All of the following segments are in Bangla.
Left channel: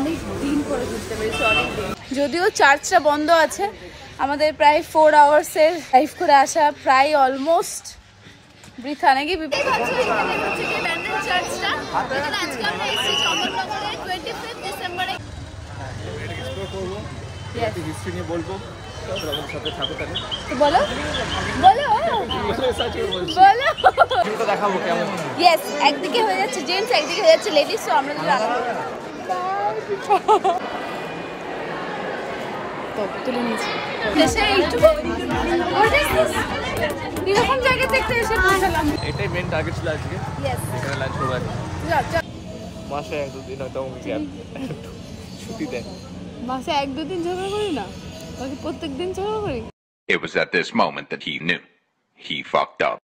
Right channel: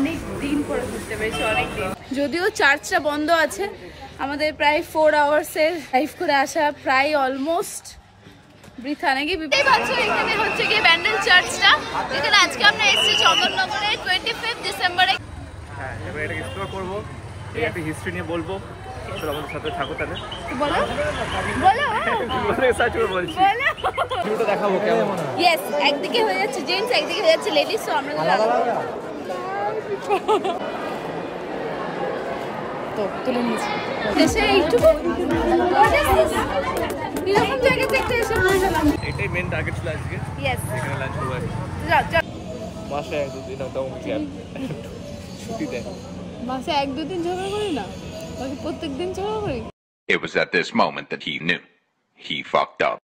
অনেক দিন পরে ঘুরতে পেরেছি, অনেক দিন। যদিও চার্চটা বন্ধ আছে, আমাদের প্রায় 4 আওয়ার্সের ড্রাইভ করে আসা প্রায় অলমোস্ট বৃথা নাকি। এখানে হচ্ছে গিয়ে ব্যান্ডেল চার্চটা, এখানে আজকে আমরা এসেছি চন্দননগরে 25 ডিসেম্বরে। এটা এক্সপ্লোর করব, একটা হিস্ট্রি নিয়ে বলবো, আমাদের সাথে থাকো তাহলে। তো বলো বলো বলে সার্চ করে বলছি, বলো ভিউটা দেখাবো কেমন। ইয়েস, একদিকে হয়ে যাচ্ছে জেন্টস, একদিকে হয়ে যাচ্ছে লেডিস, তো আমরা দুটো আলাদা তো তুলে নিয়েছি। এসে এইটুকু এরকম জায়গা দেখতে এসে পৌঁছালাম। এটাই মেন টার্গেট ছিল আজকে। ইয়েস, এখানে লাঞ্চ করবো। মাসে 1-2 দিন হয়তো ছুটি দেয়। মাসে 1-2 দিন ঝগড়া করি না, বাকি প্রত্যেক দিন ঝগড়া করি। It was at this moment that he knew he fucked up.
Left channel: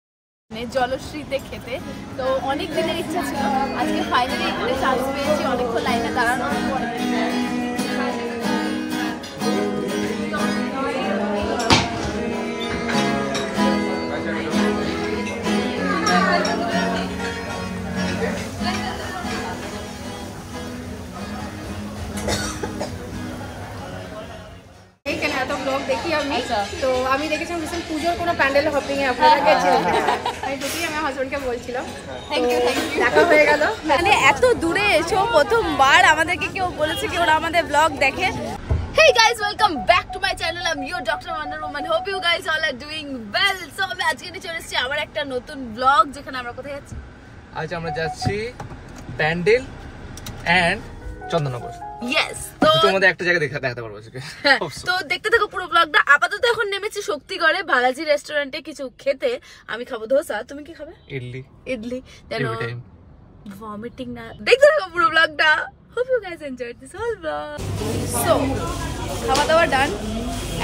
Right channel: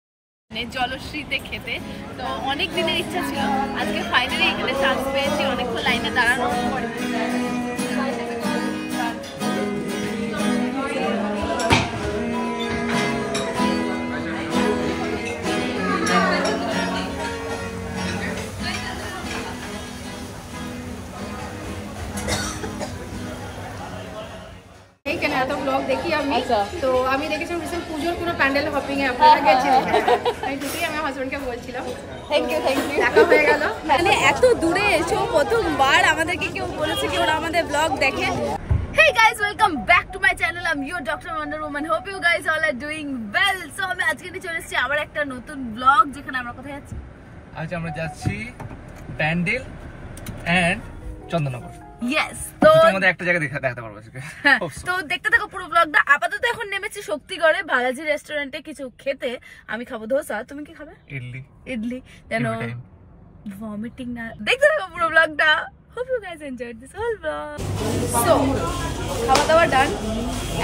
জলশ্রীতে খেতে তো অনেক দিনের ইচ্ছা ছিল, আজকে ফাইনালি এখানে চান্স পেয়েছি। অনেকক্ষণ লাইনে দাঁড়ানো পরে এত ব্লগ দেখি আমি, তো আমি দেখেছিলাম রিসেন্ট পুজোর কোনো প্যান্ডেল হপিং এ আপনারা গেছিলেন। আমি ঢুকি আমার হাজবেন্ডকে বলছিলাম, দেখা হয়ে গেল। মানে এত দূরে এসো প্রথমবার আমাদেরকে কেউ বলেছে কি ওরা আমাদের ব্লগ দেখে। Hey guys, welcome back to my channel. I'm your Dr. Wonder Woman. Hope you guys all are doing well. So আমি আজকে নিয়ে চলে এসেছি আবার একটা নতুন ব্লগ, যেখানে আমরা কোথায় যাচ্ছি। আজ আমরা যাচ্ছি ব্যান্ডেল এন্ড চন্দননগর। Yes, তো তোমাদের একটা জায়গা দেখাতে পারবো আজকে। তো দেখতে থাকো পুরো ব্লগটা। আপাতত এখন নেমেছি শক্তিগড়ে বালাজি রেস্টুরেন্টে কিছু খেতে। আমি খাবো ধোসা, তুমি কি খাবে? ইডলি যেন ভমিটিং না। দেখতে থাকো পুরো ব্লগটা। Hope you guys enjoyed this whole vlog. So খাওয়া দাওয়া ডান,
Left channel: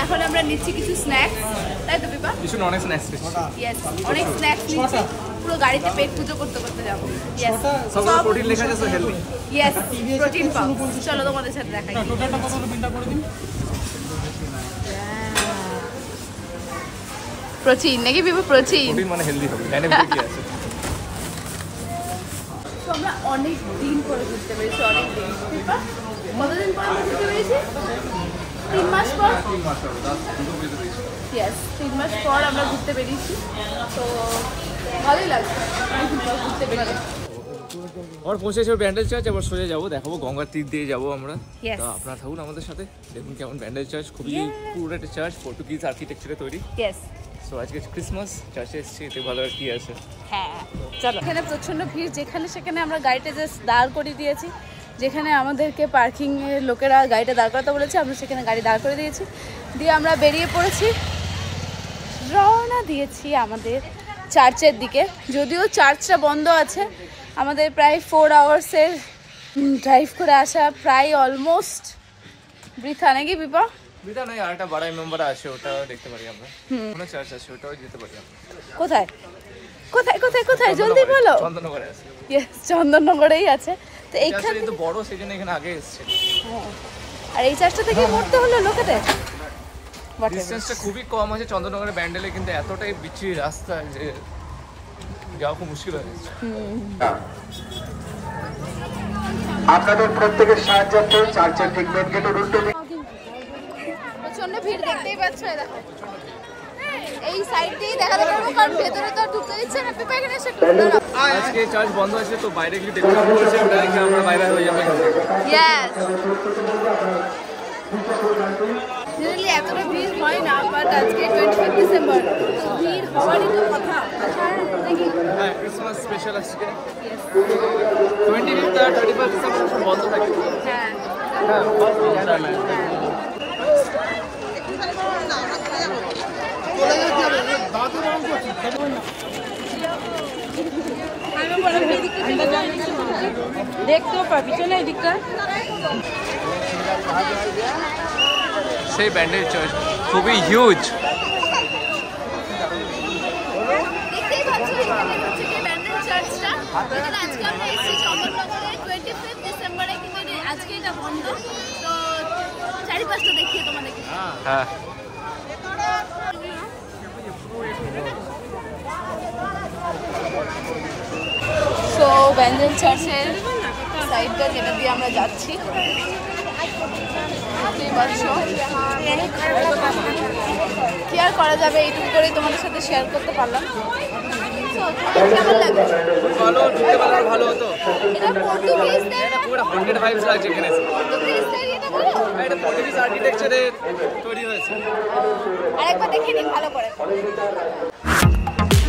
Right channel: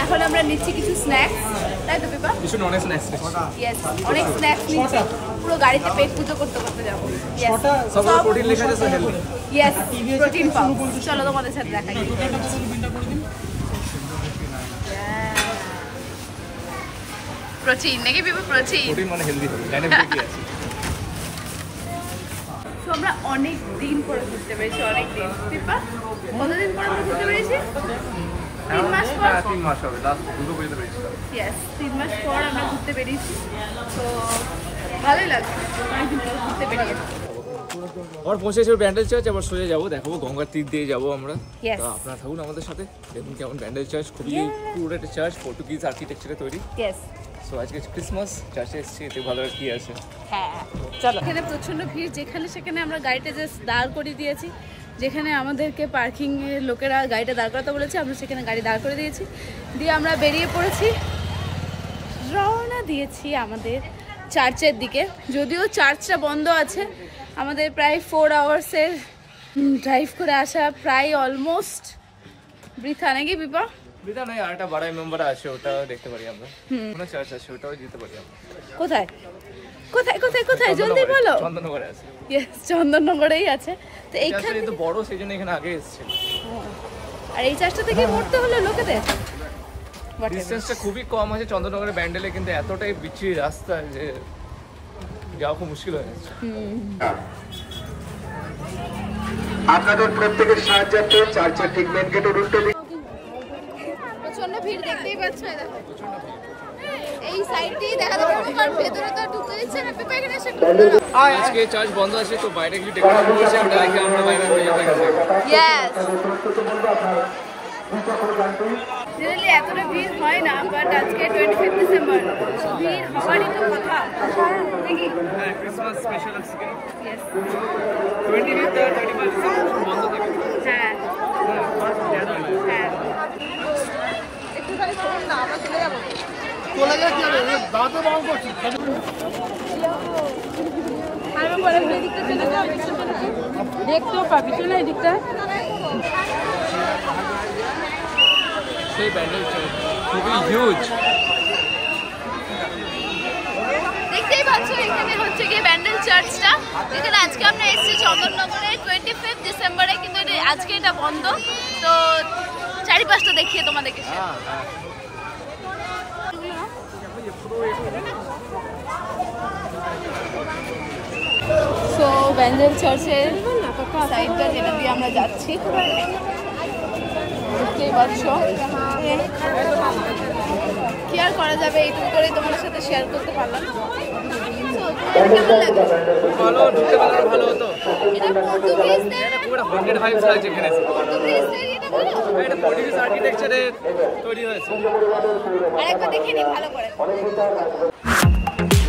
এখন আমরা নিচ্ছি কিছু স্ন্যাক্স, তাই তো বিপা? কিছু নন স্ন্যাক্স নিচ্ছি। ইয়েস, অনেক স্ন্যাক্স নিচ্ছি, পুরো গাড়িতে পেট পুজো করতে করতে যাবো। ইয়েস, সব প্রোটিন লেখা আছে, সো হেলদি। ইয়েস, প্রোটিন পাও। চলো তোমাদের সাথে দেখাই। প্রোটিন নাকি বিপা? প্রোটিন মানে হেলদি হবে, ডাইনামিক কি আছে। তো আমরা অনেক দিন পরে ঘুরতে পেরেছি, অনেক দিন। বিপা কতদিন পরে আমরা ঘুরতে পেরেছি? 3 মাস পর। 3 মাস হবে, 2 পর্যন্ত পেরেছি। ইয়েস, 3 মাস পর আমরা ঘুরতে পেরেছি, তো ভালোই লাগছে অনেকদিন পর ঘুরতে পেরেছি। আর পৌঁছেছি ব্যান্ডেল চার্চ, আবার সোজা যাবো, দেখাবো গঙ্গার তীর দিয়ে যাবো আমরা। Yes. তো আপনারা থাকুন আমাদের সাথে, দেখুন কেমন ব্যান্ডেল চার্চ। খুবই পুরো একটা চার্চ, পর্তুগিজ আর্কিটেকচারে তৈরি। ইয়েস, সো আজকে ক্রিসমাস, চার্চে এসেছি, এতে ভালো আর কি আছে। হ্যাঁ চলো। এখানে প্রচন্ড ভিড়, যেখানে সেখানে আমরা গাড়িটা জাস্ট দাঁড় করিয়ে দিয়েছি। যেখানে আমাদেরকে পার্কিং এর লোকেরা গাড়িটা দাঁড় করাতে বলেছে, আমরা সেখানে গাড়ি দাঁড় করে দিয়েছি, দিয়ে আমরা বেরিয়ে পড়েছি, রওনা দিয়েছি আমাদের চার্চের দিকে। যদিও চার্চটা বন্ধ আছে, আমাদের প্রায় 4 আওয়ার্সের ড্রাইভ করে আসা প্রায় অলমোস্ট বৃথা নাকি বিপা? বিটা নয়, আরেকটা বাড়াই মেম্বার আছে, ওটাও দেখতে পারি আমরা। কোনো চার্চ আছে, ওটাও যেতে পারি আমরা। কোথায় কোথায় কোথায় কোথায় জলদি বলো। চন্দননগরে আছে। ইয়েস, চন্দননগরেই আছে। তো এইখানে তো বড়, সেজন্য এখানে আগে এসেছে। আর এই চার্চটা থেকে মরতে হলো লোকেদের। ডিসটেন্সটা খুবই কম আছে চন্দননগরের ব্যান্ডেলে, কিন্তু এতটাই বিচ্ছিরি রাস্তা যে যাওয়া খুব মুশকিল হয়ে যাচ্ছে। আপনাদের প্রত্যেকের সাহায্যার্থে চার্চের ঠিক মেন গেটের উল্টো দিকে প্রচন্ড ভিড়, দেখতেই পাচ্ছ। এই দেখো, এই সাইড দিয়ে দেখাতে পারবো, কারণ ভেতরে তো ঢুকতে দিচ্ছে না। পেপা এখানে এসে আজকে চার্চ বন্ধ আছে, তো বাইরে কিছু ডেকোরেশন করছে, ওটা দেখে আমরা বাইরে হয়ে যাবো এখান থেকে। ইয়েস, জেনারেলি এতটা ভিড় হয় না, বাট আজকে 25 ডিসেম্বর, তো ভিড় হওয়ারই তো কথা নাকি? হ্যাঁ, ক্রিসমাস স্পেশাল আজকে। ইয়েস, 25 আর 31 ডিসেম্বর বন্ধ থাকে। হ্যাঁ হ্যাঁ, ফার্স্ট জানুয়ারি। হ্যাঁ। দেখতেও পাবি, চলে এদিকটা। সেই ব্যান্ডেল চার্চ খুবই হিউজ। দেখতেই পাচ্ছ এখানে হচ্ছে গিয়ে ব্যান্ডেল চার্চটা, যেখানে আজকে আমরা এসেছি চন্দননগরে 25 ডিসেম্বরে, কিন্তু আজকে এটা বন্ধ। তো চারিপাশটা দেখিয়ে তোমাদেরকে। হ্যাঁ, সো ব্যান্ডেল চার্চের সাইডটা যেটা দিয়ে আমরা যাচ্ছি দেখতেই পাচ্ছ। কি আর করা যাবে, এইটুকু করেই তোমাদের সাথে শেয়ার করতে পারলাম। কেমন লাগে? ভালো, ঢুকতে পারলে ভালো হতো। এটা পর্তুগিজ পুরো 100 ভাইবস লাগছে এখানে। পর্তুগিজদের এটা বলো? হ্যাঁ, এটা পর্তুগিজ আর্কিটেকচারে তৈরি হয়েছে। আরেকবার দেখে নিন ভালো করে।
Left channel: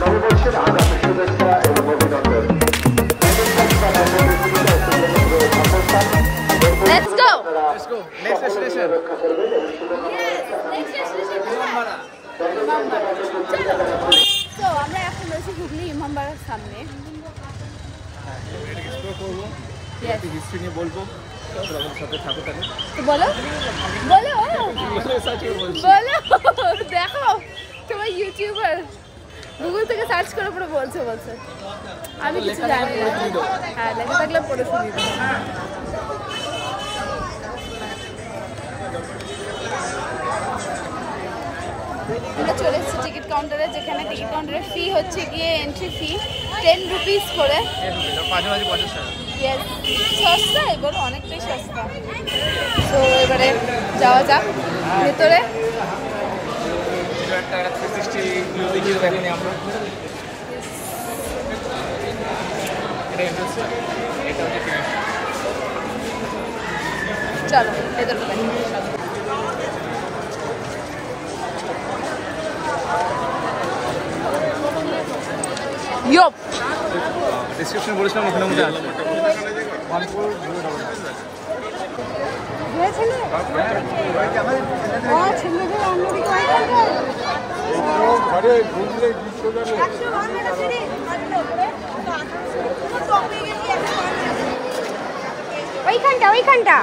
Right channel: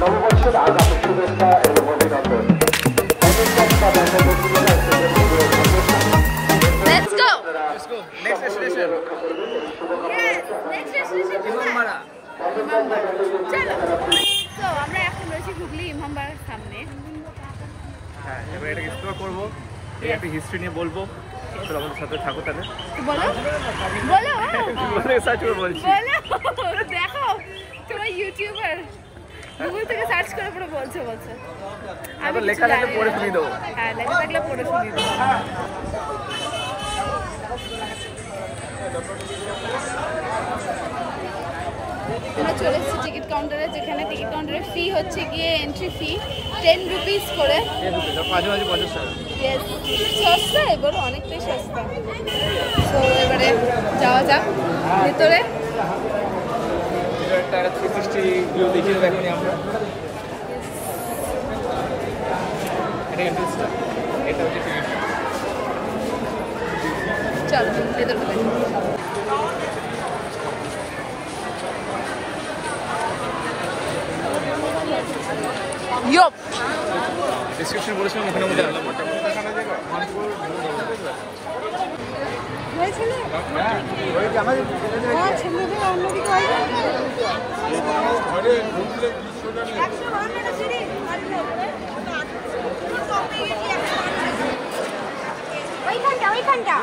নববর্ষের আগাম শুভেচ্ছা এবং অভিনন্দন। Let's go. Let's go. Next destination. Yes, next destination. Imambara. Imambara. চলো। তো আমরা এখন রয়েছি হুগলি ইমামবাড়ার সামনে। হ্যাঁ, এবার এটাকে এক্সপ্লোর করবো, একটা হিস্ট্রি নিয়ে বলবো। চলো আমাদের সাথে থাকো তাহলে। তো বলো বলো বলে সার্চ করে বলছি। বলো, দেখো তোমার ইউটিউবার গুগল থেকে সার্চ করে পরে বলছে আমি কিছু লেখা জানি পড়ে না। শুনিয়ে দেবো। হ্যাঁ, লেখা থাকলে পড়ে শুনিয়ে দেবো। আমরা চলে এসেছি টিকিট কাউন্টারে, যেখানে টিকিট কাউন্টারের ফি হচ্ছে গিয়ে এন্ট্রি ফি 10 রুপিস করে। মাঝে মাঝে 50 টাকা। ইয়েস, সস্তা, এবার অনেকটাই সস্তা। তো এবারে যাওয়া যাক ভেতরে। এটা একটা 360 ভিউ দেখিয়ে দেখুন আমরা। এটা এন্ট্রান্স, এটা হচ্ছে ফিনিশ। চলো ভেতরে দেখি। ইয়প, ডিসক্রিপশন বলেছিলাম ওখানে মধ্যে আসবে 14099। ওইখানটা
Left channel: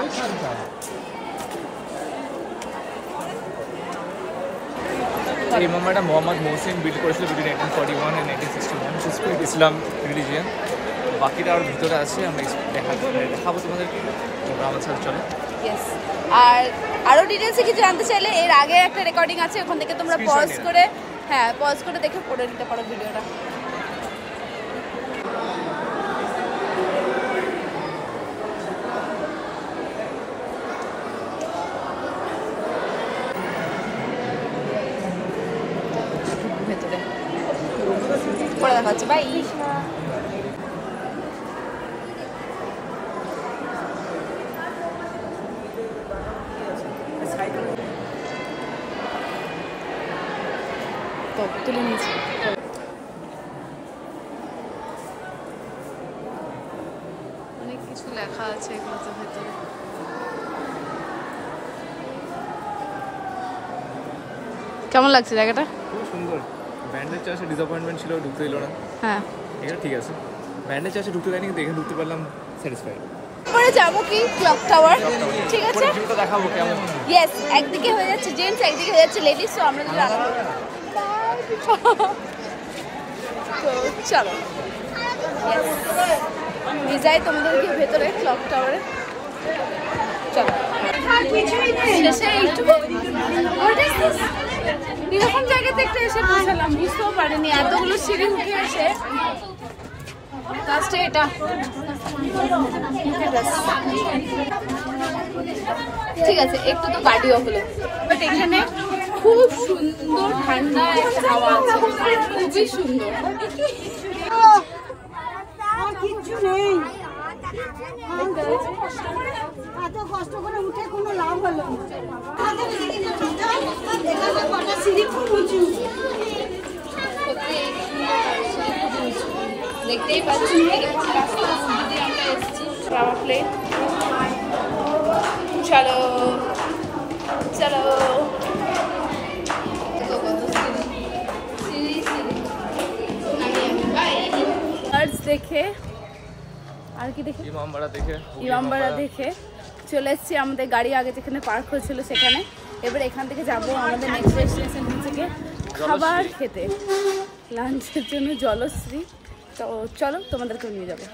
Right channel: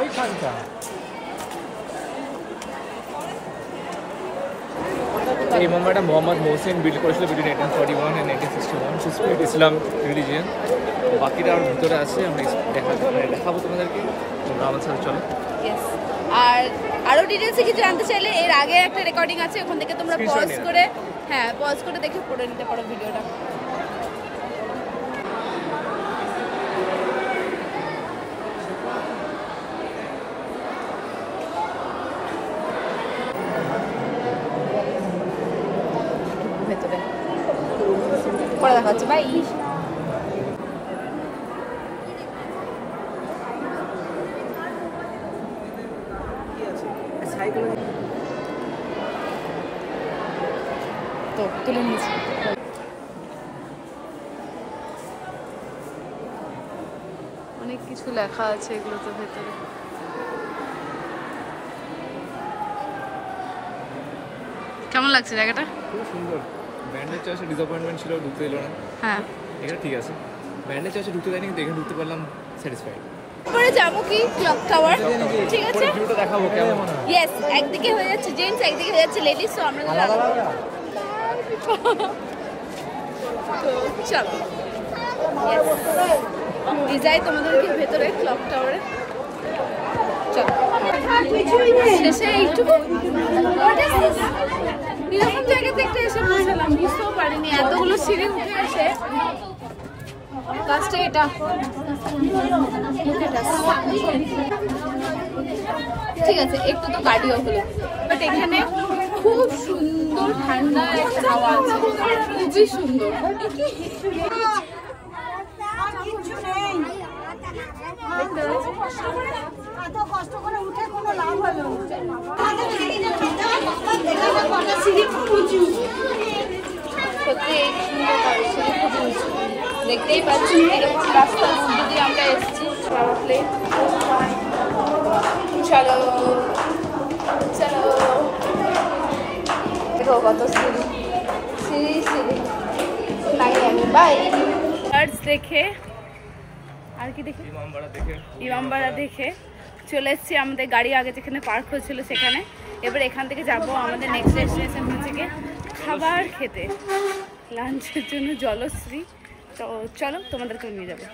এই ইমামবাড়া মোহাম্মদ মহসিন বিল্ড করেছিল between 1841 and 1861 to spread Islam religion. বাকিটা আর ভিতরে আছে, আমরা দেখাবো তোমাদেরকে, তোমরা আমার সাথে চলো। ইয়েস। আর আরো ডিটেইলসে কিছু জানতে চাইলে এর আগে একটা রেকর্ডিং আছে, ওখান থেকে তোমরা Screenshot পজ নিয়ে করে, হ্যাঁ পজ করে দেখে পড়ে নিতে পারো ভিডিওটা। ভেতরে পরে দেখা হচ্ছে, বাই। তো তুলে নিয়েছি। অনেক কিছু লেখা আছে এগুলোতে ভেতরে। কেমন লাগছে জায়গাটা? খুব সুন্দর। ব্যান্ডের চার্চে ডিসঅ্যাপয়েন্টমেন্ট ছিল, ঢুকতে দিল না। হ্যাঁ, এটা ঠিক আছে। ব্যান্ডের চার্চে ঢুকতে দেয়নি, কিন্তু এখানে ঢুকতে পারলাম, স্যাটিসফাইড। পরে যাবো কি ক্লক টাওয়ার, ঠিক আছে? ভিউটা দেখাবো কেমন। ইয়েস, একদিকে হয়ে যাচ্ছে জেন্টস, একদিকে হয়ে যাচ্ছে লেডিস, তো আমরা যদি আলাদা তো চলো ইয়েস নিয়ে যাই তোমাদেরকে ভেতরে ক্লক টাওয়ারে। চলো শেষে এইটুকু এরকম জায়গাতে একটা এসে পৌঁছালাম, বুঝতেও পারিনি এতগুলো সিঁড়ি উঠে এসে লাস্টে এটা। ঠিক আছে, একটু তো কার্ডিও হলো, বাট এখানে খুব সুন্দর ঠান্ডা একটা হাওয়া আছে, খুবই সুন্দর। এত কষ্ট করে উঠে কোনো লাভ হলো দেখতেই পাচ্ছি এরকম রাস্তার মধ্যে দিয়ে আমরা এসেছি। ট্রাভেল প্লেন, চলো চলো, দেখো কত সিঁড়ি সিঁড়ি সিঁড়ি। বাই। দেখে আর কি দেখে ইমামবাড়া দেখে চলে এসেছি আমাদের গাড়ি আগে যেখানে পার্ক হয়েছিল সেখানে। এবার এখান থেকে যাব আমাদের নেক্সট ডেস্টিনেশন হচ্ছে গিয়ে খাবার খেতে, লাঞ্চের জন্য জলশ্রী। তো চলো তোমাদেরকেও নিয়ে যাবো।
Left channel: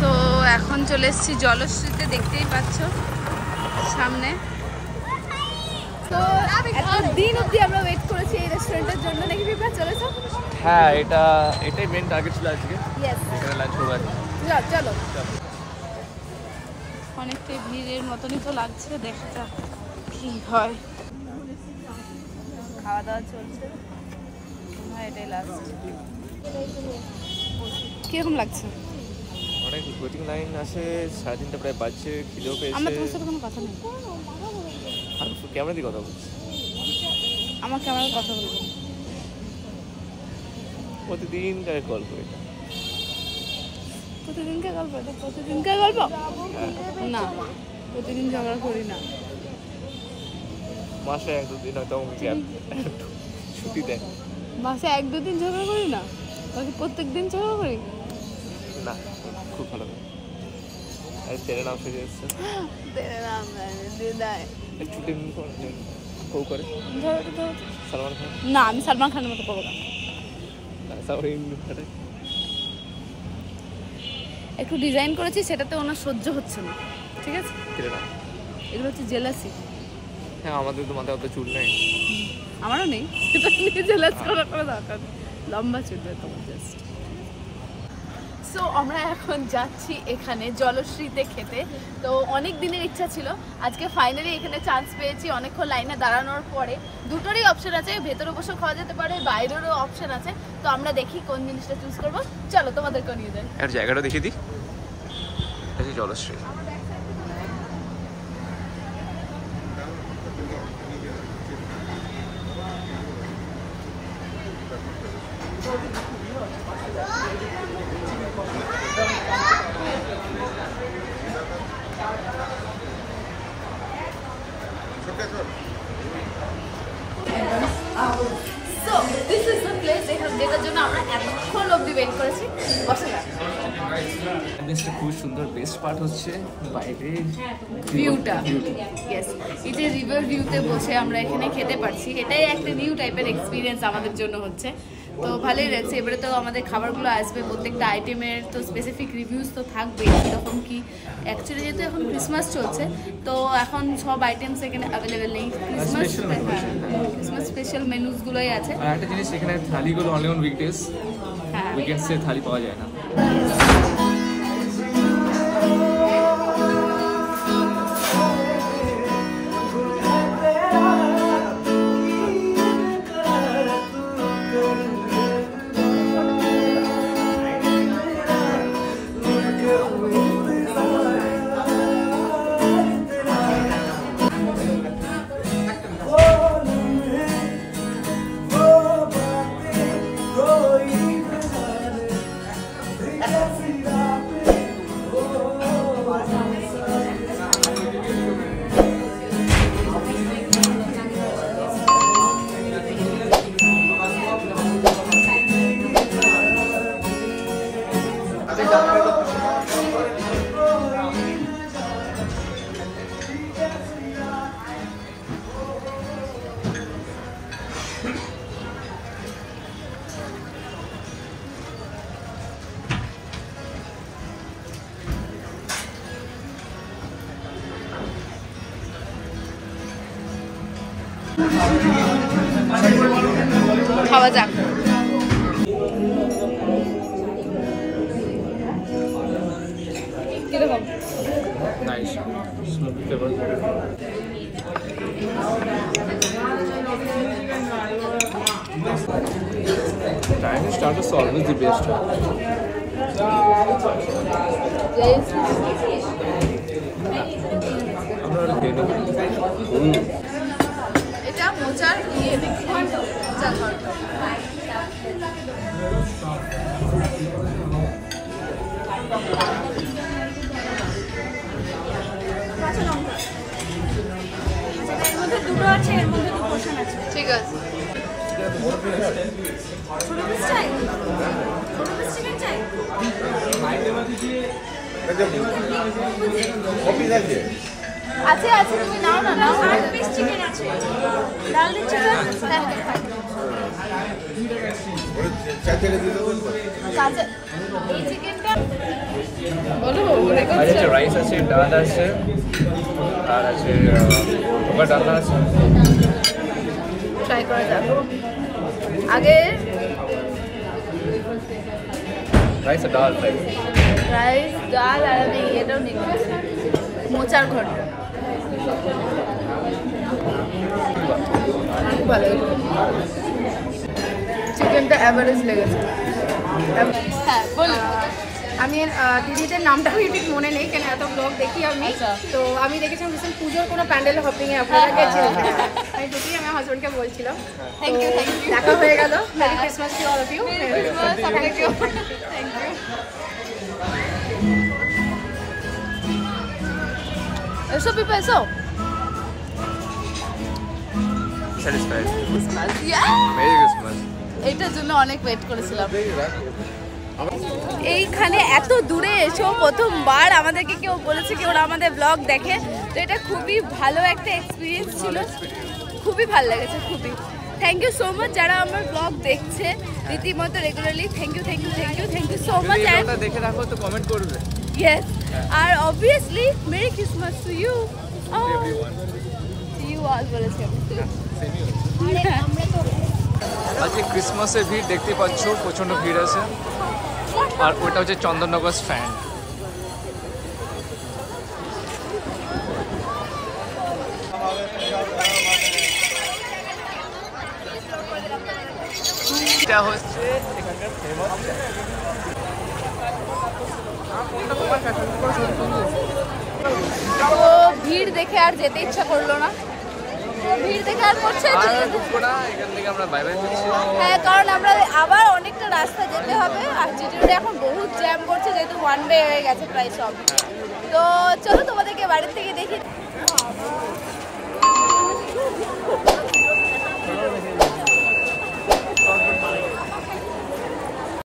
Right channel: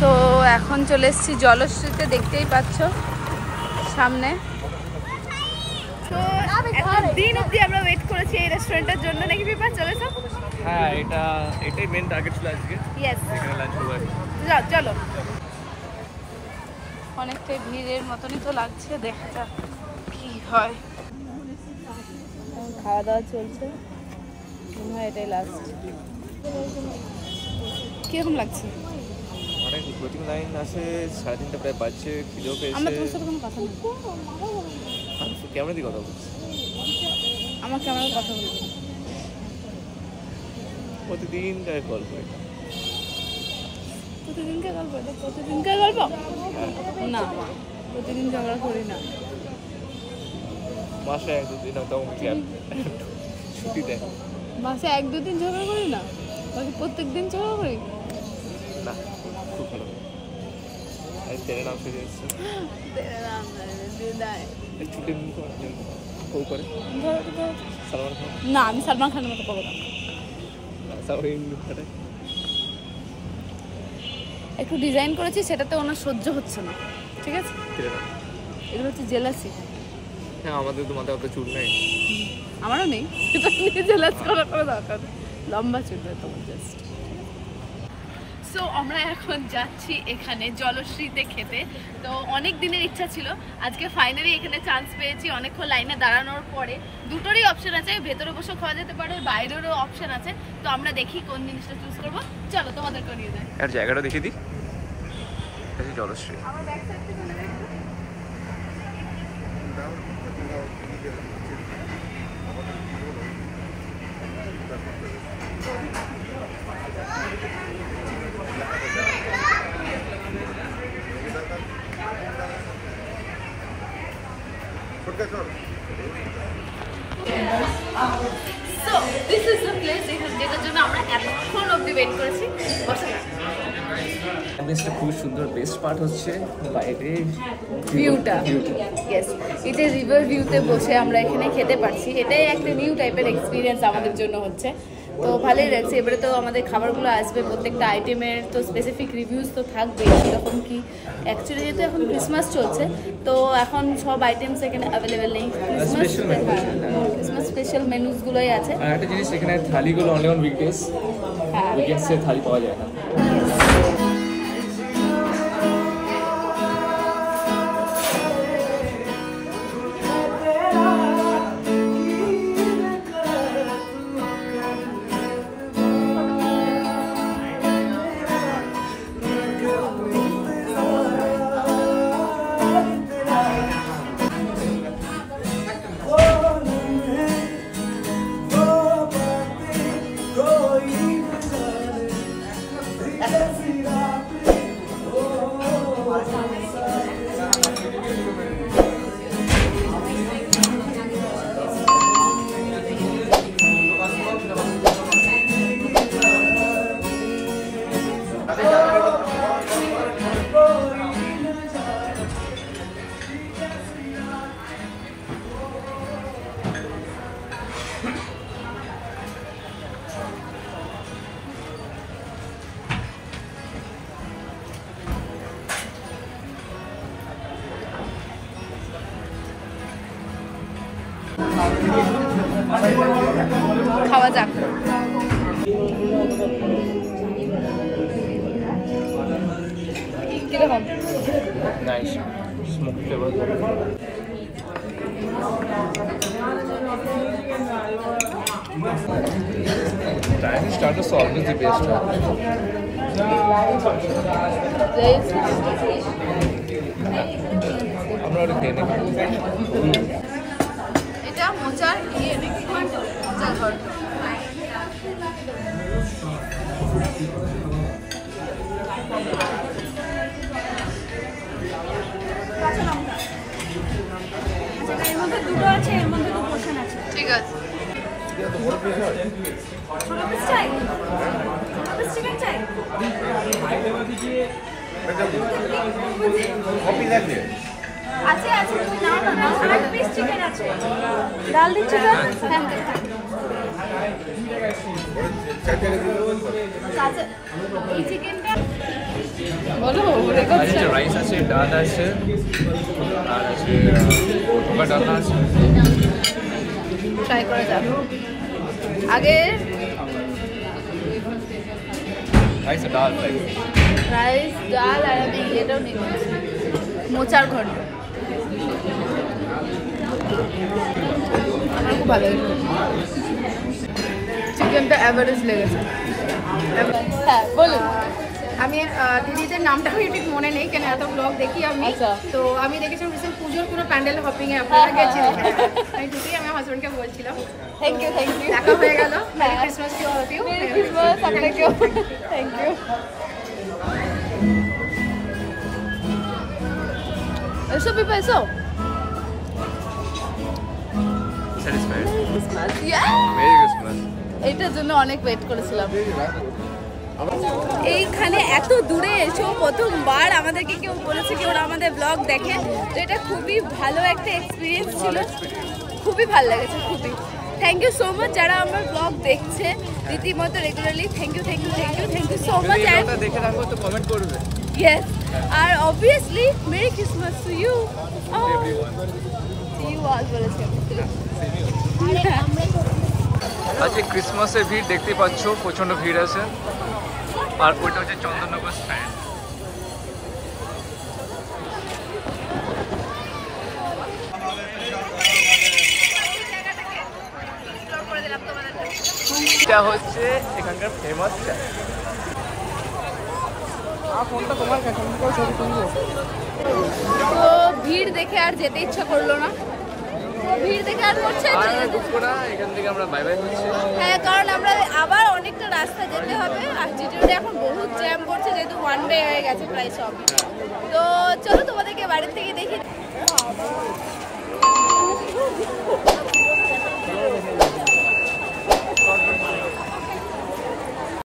তো এখন চলে এসেছি জলশ্রীতে, দেখতেই পাচ্ছ সামনে। তো এত দিন অবধি আমরা ওয়েট করেছি এই রেস্টুরেন্টের জন্য, নাকি পিপা চলেছ? হ্যাঁ এটাই মেন টার্গেট ছিল আজকে, ইয়েস এখানে লাঞ্চ হবে। চলো অনেকটাই ভিড়ের মতনই তো লাগছে, দেখা যাক কি হয়। খাওয়া দাওয়া চলছে, এটাই লাস্ট। কিরকম লাগছে? অনেক ওয়েটিং লাইন আছে, 3:30 প্রায় বাজছে, খিদেও পেয়েছে। আমার তোমার সাথে কোনো কথা নেই, আমি ক্যামেরা দিয়ে কথা বলছি। আমার ক্যামেরার কথা বলবো প্রতিদিনকার গল্প এটা। প্রতিদিনকার গল্প? এটা প্রতিদিনকার গল্প না, প্রতিদিন ঝগড়া করি না। মাসে 1-2 দিন হয়তো আমাকে ছুটি দেয়। মাসে 1-2 দিন ঝগড়া করি না, বাকি প্রত্যেক দিন ঝগড়া করি না। খুব ভালো। তেরে নাম শুরু হয়েছে, ছুটি কেউ করে সালমান খান। না, আমি সালমান খানের মতো করবো না। একটু ডিজাইন করেছি, সেটাতে ওনার সহ্য হচ্ছে না, ঠিক আছে? এগুলো হচ্ছে জেলাসি। হ্যাঁ, আমাদের তো মাথায় অত চুল নেই। আমারও নেই, সেটা নিয়ে জেলাস করার কোনো দরকার নেই, লম্বা চুল তোমার জাস্ট। সো আমরা এখন যাচ্ছি এখানে জলশ্রীতে খেতে। তো অনেক দিনের ইচ্ছা ছিল, আজকে ফাইনালি এখানে চান্স পেয়েছি। অনেকক্ষণ লাইনে দাঁড়ানোর পরে দুটোরই অপশন আছে, ভেতরে বসেও খাওয়া যেতে পারে, বাইরেরও অপশন আছে। তো আমরা দেখি কোন জিনিসটা চুজ করবো। চলো তোমাদেরকেও নিয়ে যাই। আর জায়গাটা দেখে দিই, জলশ্রী। আমার ব্যাক সাইড থেকে মনে রাখবো। So this is the place যেটার জন্য আমরা এতক্ষণ অবধি ওয়েট করেছি। বসে যাক। বেস্টটা খুব সুন্দর। বেস্ট পার্ট হচ্ছে বাইরে ভিউটা। ইয়েস, এটা রিভার ভিউতে বসে আমরা এখানে খেতে পারছি। এটাই একটা নিউ টাইপের এক্সপিরিয়েন্স আমাদের জন্য হচ্ছে, তো ভালোই লাগছে। এবারে তো আমাদের খাবারগুলো আসবে, প্রত্যেকটা আইটেমের তো স্পেসিফিক রিভিউজ তো থাকবেই, কীরকম কি। অ্যাকচুয়ালি যেহেতু এখন ক্রিসমাস চলছে, তো এখন সব আইটেমস এখানে অ্যাভেলেবেল নেই। ক্রিসমাস স্পেশাল মেনুসগুলোই আছে। আর একটা জিনিস, এখানে থালিগুলো অনলি অন উইকডেজ, হ্যাঁ, উইকেন্ডসে থালি পাওয়া যায় না। খাওয়া যাক। কিরকম? Nice smoke flavour. Chinese starters are always the best. আমরা ওটা খেয়ে নেব। এটা মোচার ইয়ে, মোচার ঘন্ট। এর মধ্যে দুটো আছে, এর মধ্যে দু পোর্শন আছে। ঠিক আছে। ছোট পিস চাই? চিকেন চাই? আছে আছে, তুমি নাও না। 8 পিস চিকেন আছে, ডাল দিচ্ছি। এই চিকেনটা বলো, ওরে আর করছে। রাইস আছে, ডাল আছে, আর আছে ধোকা ডালনা আছে। ট্রাই করা যাক। আগে রাইস ডাল রাইস ডাল আর আমি এটাও নিয়ে নিয়েছি মোচার ঘন্ট। আমার খুব ভালো লেগেছে, চিকেনটা অ্যাভারেজ লেগেছে। হ্যাঁ বলুন। আমি দিদিদের নামটা আমি ঠিক মনে নেই, কেন এত ব্লগ দেখি আমি। আচ্ছা। তো আমি দেখেছিলাম রিসেন্ট পুজোর কোনো প্যান্ডেল হপিং এ আপনারা গেছিলেন। আমি ঢুকি আমি হাজবেন্ডকে বলছিলাম, তো দেখা হয়ে গেল। Merry Christmas to all of you. এসো পিপা এসো। স্যাটিসফাইড। Christmas merry Christmas. এইটার জন্য অনেক ওয়েট করেছিলাম। এইখানে এত দূরে এসো প্রথমবার আমাদেরকে কেউ বলেছে কি ওরা আমাদের ব্লগ দেখে, তো এটা খুবই ভালো একটা এক্সপিরিয়েন্স ছিল, খুবই ভালো লেগেছে খুবই। থ্যাংক ইউ সো মাচ যারা আমার ব্লগ দেখছে রীতিমতো regularly. Thank you thank you thank you thank you so much. ভিডিওটা দেখে রাখো তো কমেন্ট করবে। ইয়েস, আর obviously merry Christmas to you. To you আজ বলেছে। আজকে ক্রিসমাসের ভিড় দেখতে পাচ্ছ, প্রচন্ড ভিড় আছে। আর ওইটা হচ্ছে চন্দননগর স্ট্যান্ড। এটা হচ্ছে এখানকার ফেমাস চায়। তো ভিড় দেখে আর যেতে ইচ্ছা করলো না, ভিড় দেখে আর করছে আর ঢুকবো না এখান থেকে, আমরা বাই বাই করছি। হ্যাঁ, কারণ আমরা আবার অনেকটা রাস্তা যেতে হবে আর জিটিরোডে এখন বহুত জ্যাম করছে যেহেতু ওয়ান ওয়ে হয়ে গেছে প্রায় সব। তো চলো তোমাদেরকে বাড়ির থেকে দেখি।